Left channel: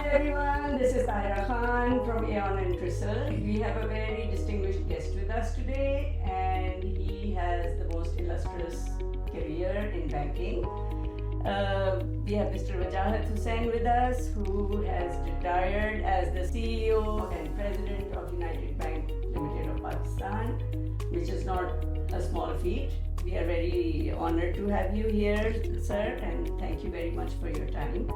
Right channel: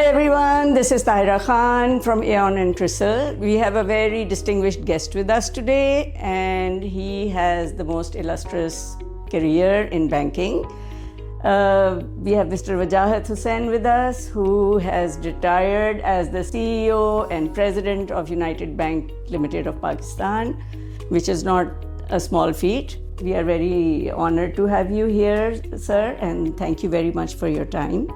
Hi everyone, this is Tahira Khan from AEON TRISL. We have a very distinguished guest with us today, and he has the most illustrious career in banking. We have Mr. Wajahat Husain with us, who has retired as the CEO and President of United Bank Limited of Pakistan, which is not a small feat. We are very honored to have you here, sir, and thank you very much for your time.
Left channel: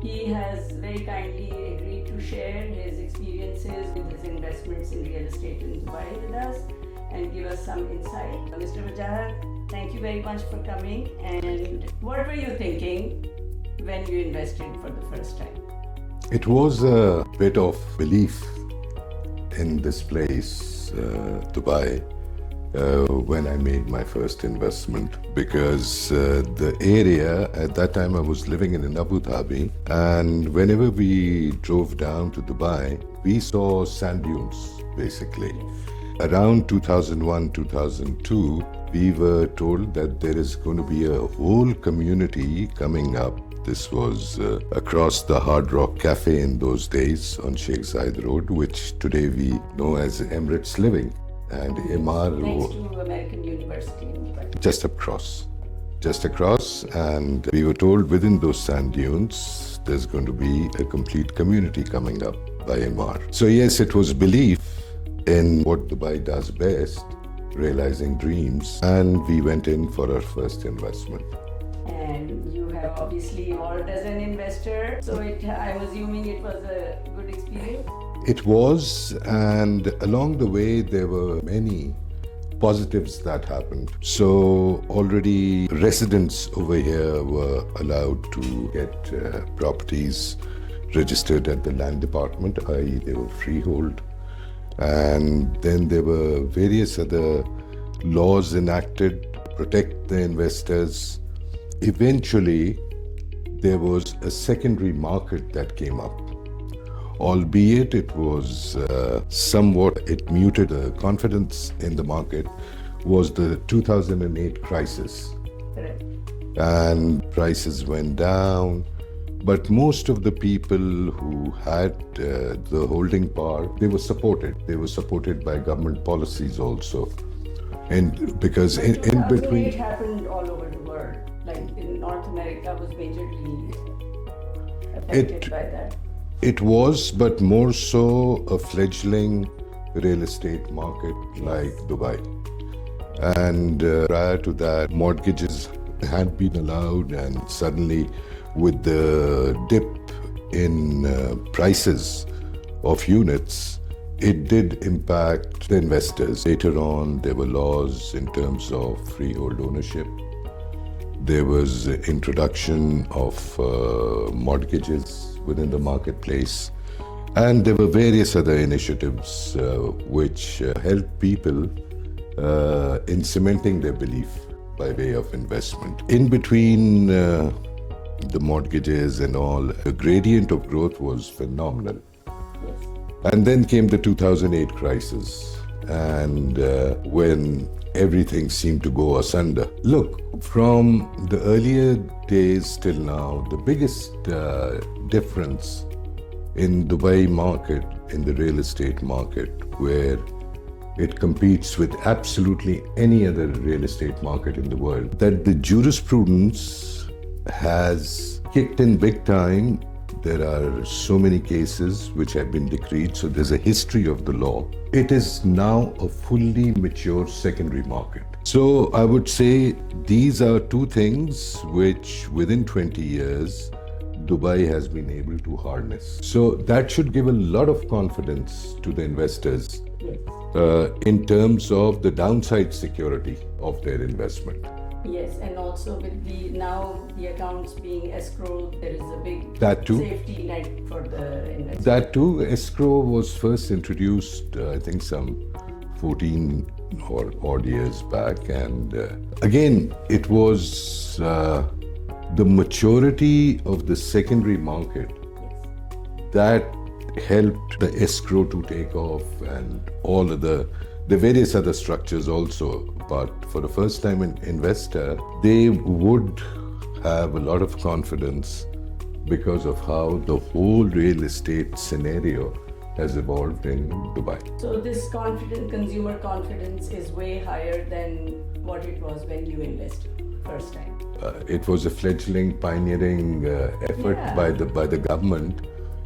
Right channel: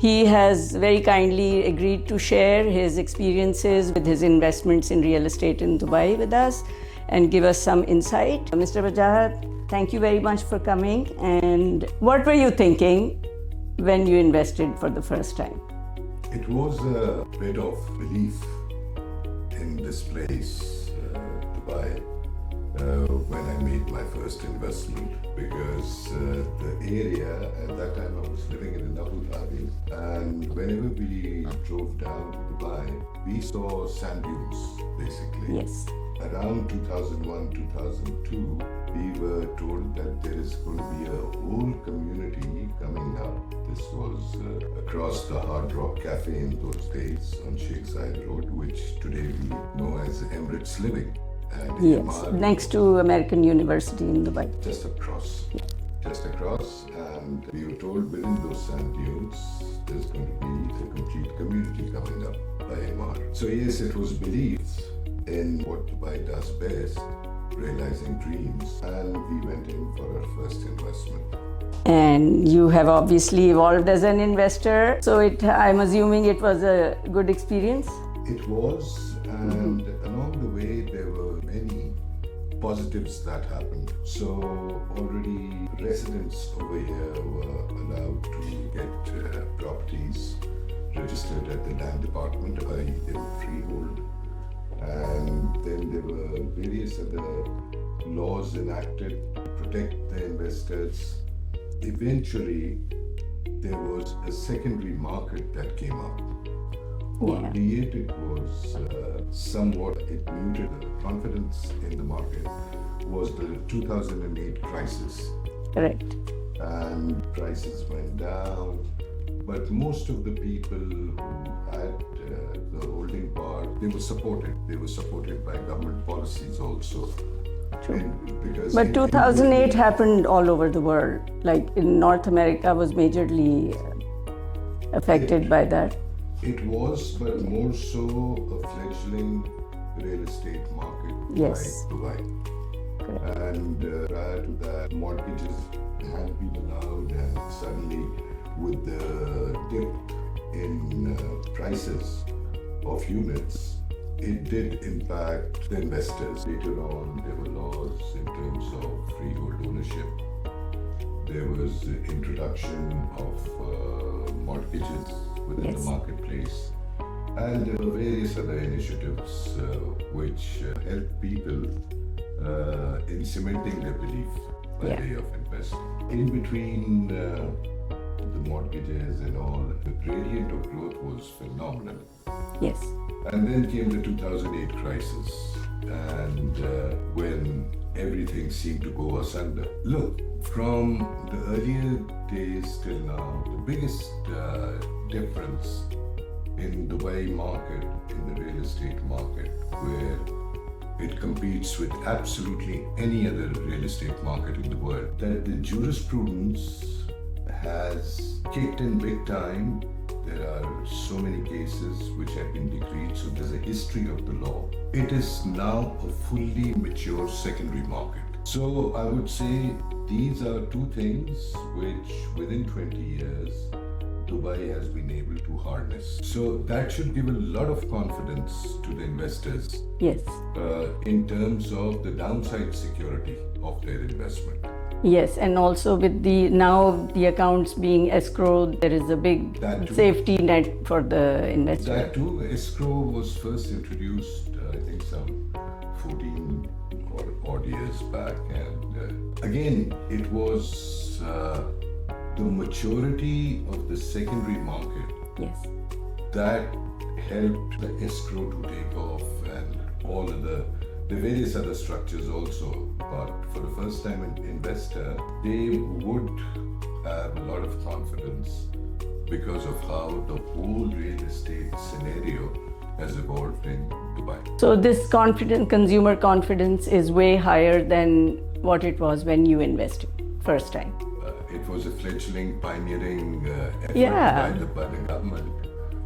He has very kindly agreed to share his experiences with his investments in real estate in Dubai with us and give us some insight. Mr. Wajahat, thank you very much for coming. And what were you thinking when you invested for the first time? It was a bit of belief in this place, Dubai, when I made my first investment, because the area at that time I was living in Abu Dhabi, and whenever we drove down to Dubai, we saw sand dunes basically. Yes. Around 2001, 2002, we were told that there is going to be a whole community coming up. This was across the Hard Rock Cafe in those days on Sheikh Zayed Road, which today we know as Emirates Living. And Yes, Emaar next to American University in Dubai. just across, and we were told within those sand dunes there's going to be a complete community coming up by Emaar. So yes, it was belief in what Dubai does best, realizing dreams, and we went in for our first investment. And you have obviously evolved as an investor, so I'm assuming it was a good experience? It was, and along the way there were many positives that happened. So already residents over here were allowed to get properties registered at the land department, i.e. they were freehold. And then there were various other laws enacted to protect the investors. Eventually, there was a secondary market that came up. Albeit it was somewhat, it muted the confidence in the market, was the 2008 crisis. Correct. And prices went down. But most of the people who had the holding power, they were supported. They were supported by government policies also. And because But 2008 happened all over the world. Like in North America was majorly affected by that. It was, but more so a fledgling real estate market like Dubai. Okay. And prior to that, mortgages had been allowed, and suddenly with the dip in prices of units, it did impact the investors. Later on, there were laws in terms of freehold ownership. There was introduction of mortgages within the marketplace. And there were various other initiatives which helped people in cementing their belief by way of investment. In between the mortgages and all, the gradient of growth was phenomenal. Yes. And then came the 2008 crisis, and when everything seemed to go asunder. Look, from the earlier days till now, the biggest difference in Dubai market, in the real estate market, where it competes with absolutely any other real estate market in the world, that the jurisprudence has kicked in big time. There are so many cases which have been decreed, so there's a history of the law. It is now a fully mature secondary market. So I would say these are two things which within 20 years, Dubai has been able to harness. So that should give a lot of confidence to the investors. Yes. In terms of the downside security of their investment. Yes, and also with now the accounts being escrowed, there is a big safety net for the investor. That too, escrow was first introduced, I think some 14 or odd years back. And again, it was the maturity of the secondary market that helped the escrow to take off, and all of the various other structures also. But for the first time an investor, they would have a lot of confidence because of how the whole real estate scenario has evolved in Dubai. So this consumer confidence is way higher than what it was when you invested first time. It was a fledgling, pioneering effort Yeah. by the government,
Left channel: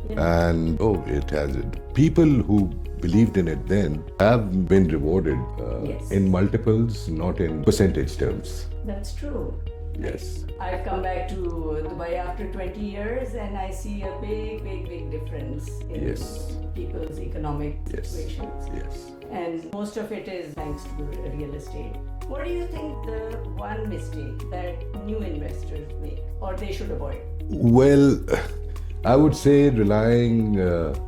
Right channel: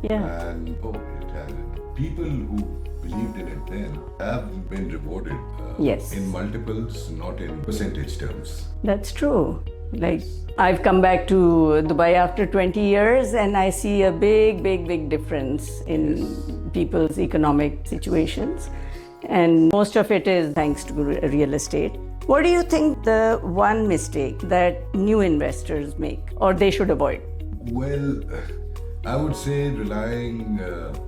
Yeah. and it has it. People who believed in it then have been rewarded Yes. in multiples, not in percentage terms. That's true. Like, I've come back to Dubai after 20 years and I see a big difference in people's economic situations. And most of it is thanks to real estate. What do you think the one mistake that new investors make or they should avoid? Well, I would say relying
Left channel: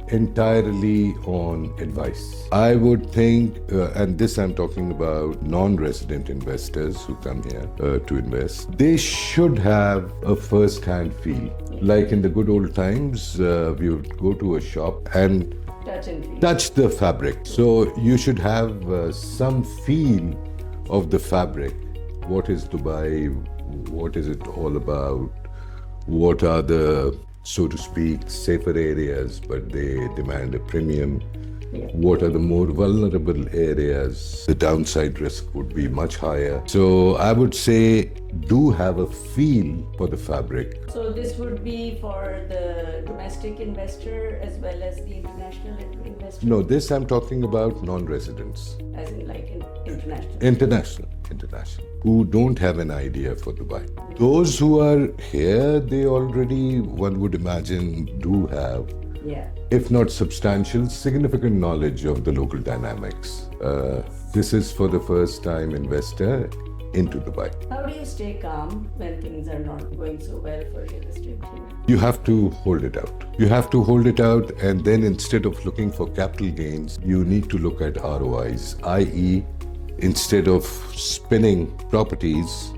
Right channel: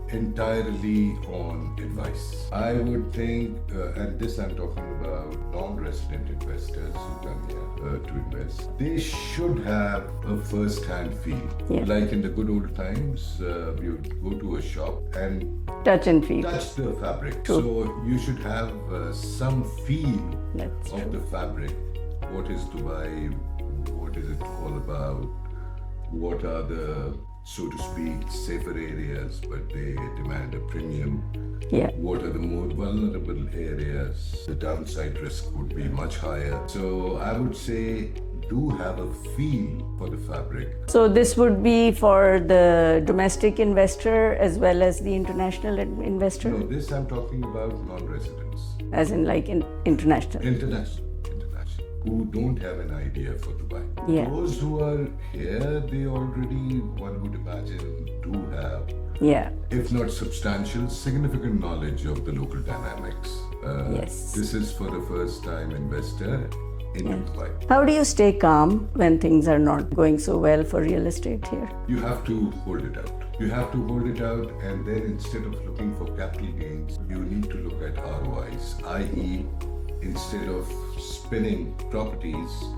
entirely on advice. I would think, and this I'm talking about non-resident investors who come here to invest, they should have a first-hand feel. Yeah. Like in the good old times, we would go to a shop and Touch and feel. touch the fabric. So you should have some feel That's of the fabric. What is Dubai? What is it all about? What are the, so to speak, safer areas, but they demand a premium? Yeah. What are the more vulnerable areas? The downside risk would be much higher. So I would say do have a feel for the fabric. So this would be for the domestic investor as well as the international investor? No, this I'm talking about non-residents. As in like international? International, who don't have an idea for Dubai. Yeah. Those who are here, they already, one would imagine, do have, Yeah. if not substantial, significant knowledge of the local dynamics. Yes. This is for the first time investor into Dubai. How do you stay calm when things are not going so well for real estate here? You have to hold it out. You have to hold it out, and then instead of looking for capital gains, you need to look at ROIs, i.e., instead of spinning properties,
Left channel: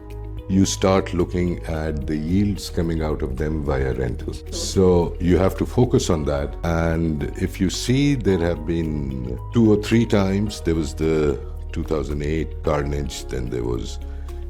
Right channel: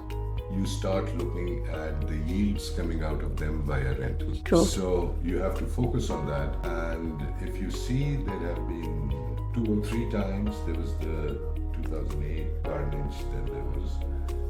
you start looking at the yields coming out of them via rentals. True. So you have to focus on that. And if you see, there have been 2 or 3 times. There was the 2008 carnage, then there was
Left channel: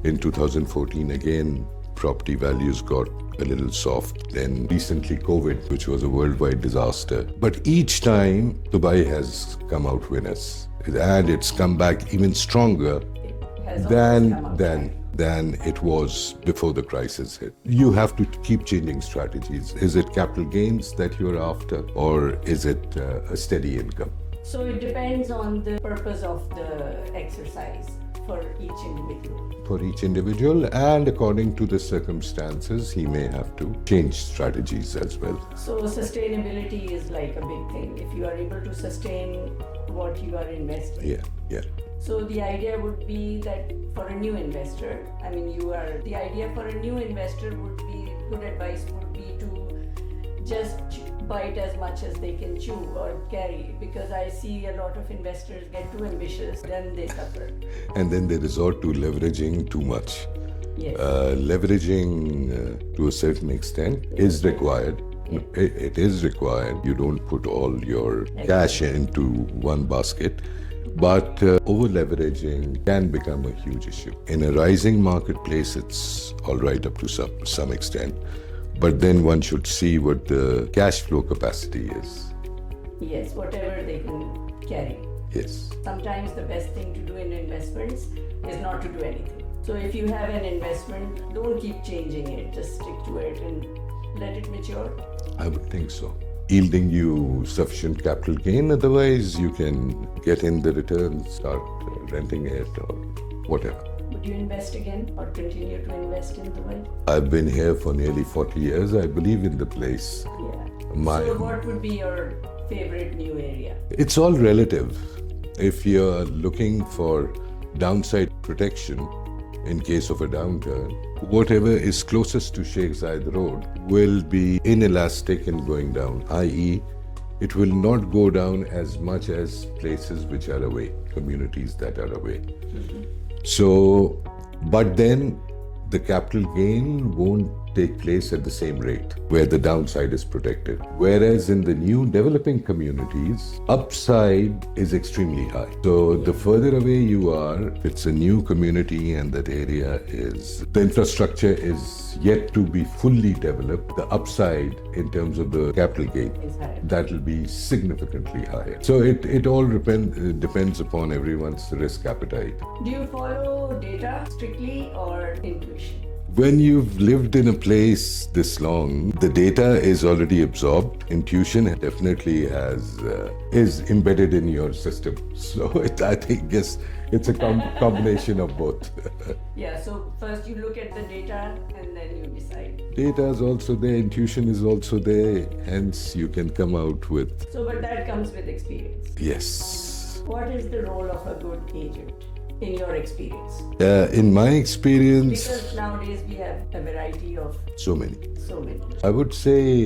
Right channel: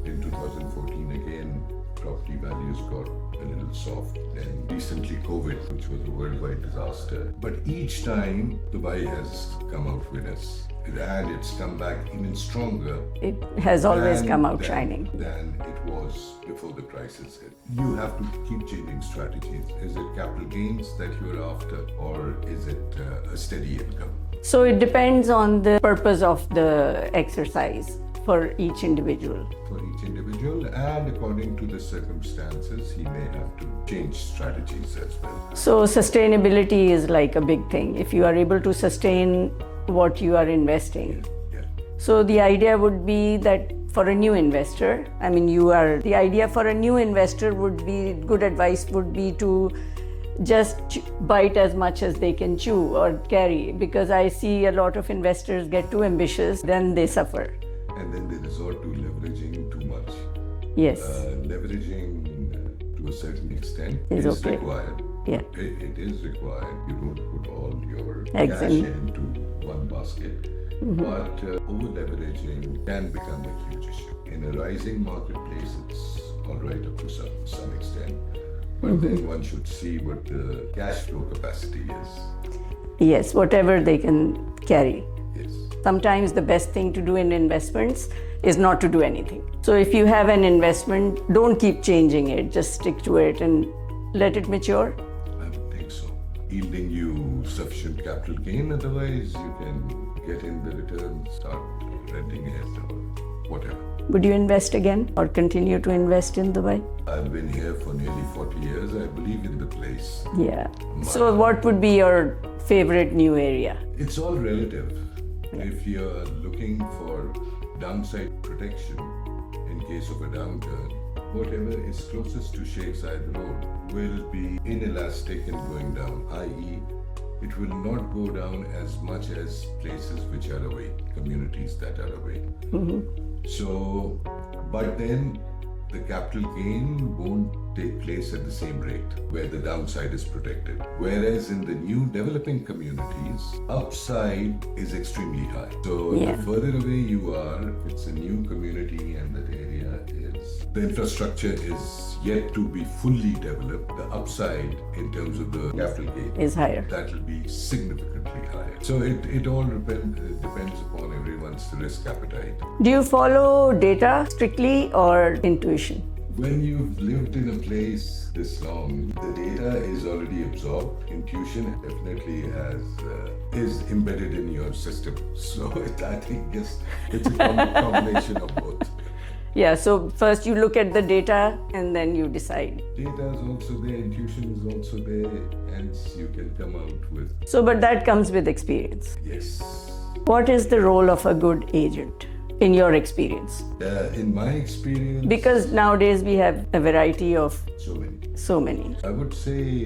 in 2014 again, property values got a little soft. Then recently COVID, which was a worldwide disaster. But each time, Dubai has come out winners. And it's come back even stronger It has always come out shining. than it was before the crisis hit. You have to keep changing strategies. Is it capital gains that you're after, or is it a steady income? So it depends on the purpose of the exercise for each individual. For each individual, and according to the circumstances, he may have to change strategies as well. So sustainability is like a big thing. If you are able to sustain what you are investing. Yeah. So the idea would be that for a new investor, the idea for a new investor would be, good advice would be to just bite as much as they can chew or carry, because I see a lot of investors get too ambitious, then they suffer. And then they resort to leveraging too much. Yes. Leveraging to a certain extent Is is okay. required. Yeah. It is required. You don't put all your Eggs cash in. into one basket. But over leveraging can become a huge issue. In a rising marketplace, it's all right up to some extent. But then one should see what the cash flow capacity is. Yes, whatever they can carry. Yes. Sometimes the best thing to do in investments is not to do anything. So if you have an investment, don't keep changing it, just stick to it and let it mature. I would think so. Yielding you sufficient capital gain, otherwise you can get in the return, start renting it or whatever. Would you invest again or continue to invest in Dubai? I've been here for nearly 40 years. I believe in the place. Yeah. So what would be your favorite new area? It's all relative. If you're looking for downside protection in case of a downturn, whatever is closest to Sheikh Zayed Road will be inelastic in going down, i.e., it will not go down as much as places which are away, communities that are away. So, but then the capital gain won't take place at the same rate, where the downside is protected. Whereas in the new developing communities, upside is extremely high. So the further away you are, it's a new community and that area is, the infrastructure is yet to be fully developed. The upside in terms of the capital gain is higher. That will be significantly higher. So it all depends upon everyone's risk appetite. Do you follow data strictly or intuition? When you've lived in a place this long, the data is already absorbed. Intuition definitely is embedded in your system. So I think yes, it's a combination of both. Yeah, so first you look at the data and then you decide. Data is also there, intuition is also there, hence you can come out with... So, but that comes with experience. Yes. What is the role of a good agent in your experience? In my experience... Because nowadays we have a variety of... So many. I would say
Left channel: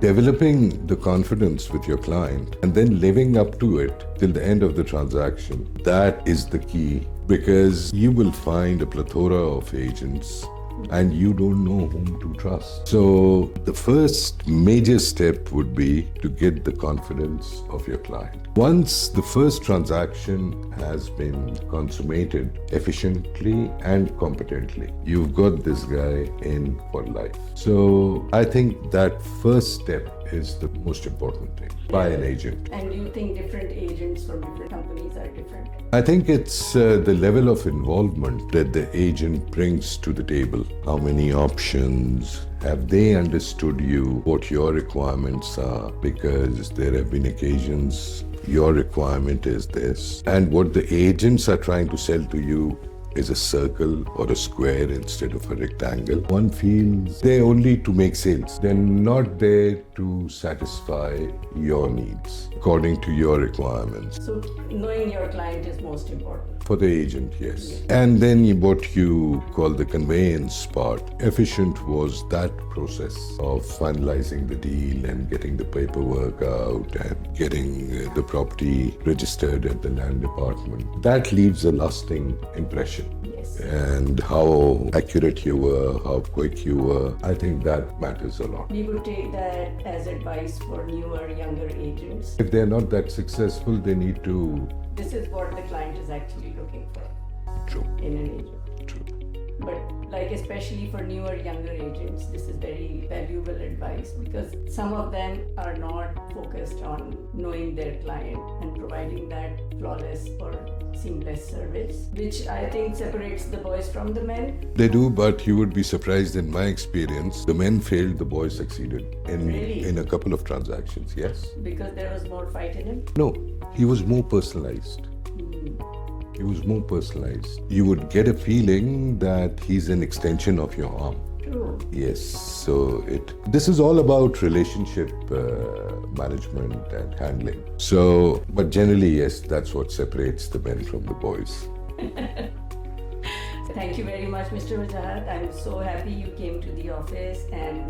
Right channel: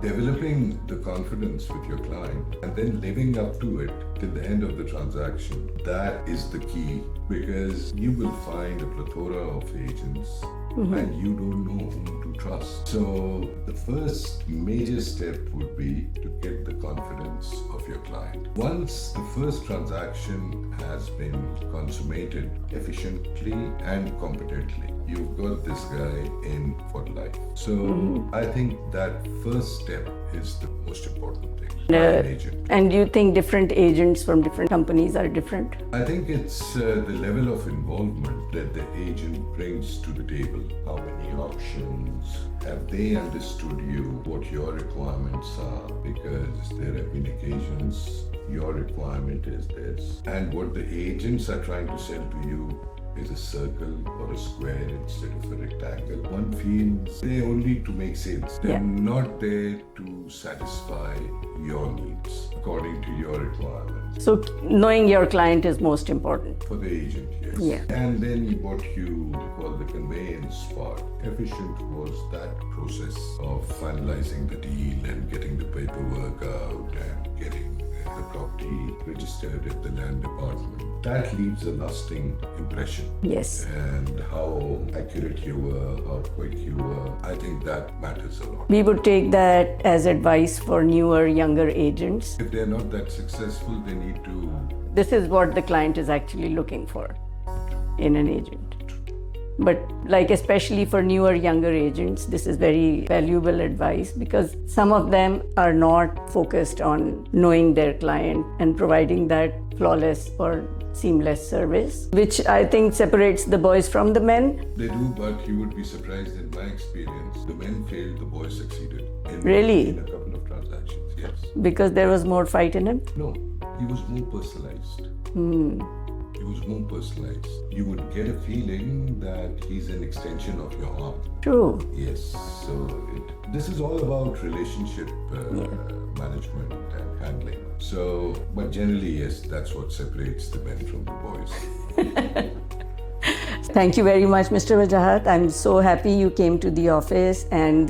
developing the confidence with your client and then living up to it till the end of the transaction. That is the key, because you will find a plethora of agents and you don't know whom to trust. So the first major step would be to get the confidence of your client. Once the first transaction has been consummated efficiently and competently, you've got this guy in for life. So I think that first step is the most important thing by an agent. And do you think different agents from different companies are different? I think it's the level of involvement that the agent brings to the table. How many options? Have they understood you, what your requirements are? Because there have been occasions your requirement is this, and what the agents are trying to sell to you is a circle or a square instead of a rectangle. One feels they're only to make sales. They're not there to satisfy your needs according to your requirements. So knowing your client is most important. For the agent, yes. Yeah. And then what you call the conveyance part. Efficient was that process of finalizing the deal and getting the paperwork out and getting the property registered at the land department. That leaves a lasting impression. Yes. And how accurate you were, how quick you were, I think that matters a lot. We would take that as advice for newer, younger agents. If they're not that successful, they need to... This is what the client is actually looking for in an agent. But like especially for newer, younger agents, this is very valuable advice because some of them are not focused on knowing their client and providing that flawless or seamless service, which I think separates the boys from the men. They do, but you would be surprised in my experience, the men failed, the boys succeeded. Really? In a couple of transactions, yes. Because there was more fight in him? No, he was more personalized. He was more personalized. You would get a feeling that he's an extension of your arm. True. Yes, so this is all about relationship management and handling. So, but generally, yes, that's what separates the men from the boys. Thank you very much, Mr. Wajahat. I'm so happy you came to the office, and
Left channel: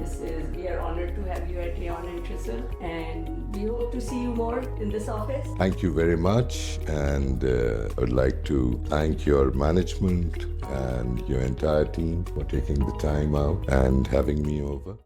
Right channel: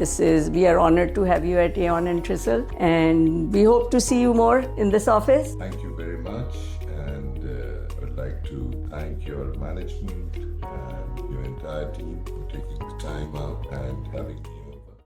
we are honored to have you at AEON and TRISL, and we hope to see you more in this office. Thank you very much, and I would like to thank your management and your entire team for taking the time out and having me over.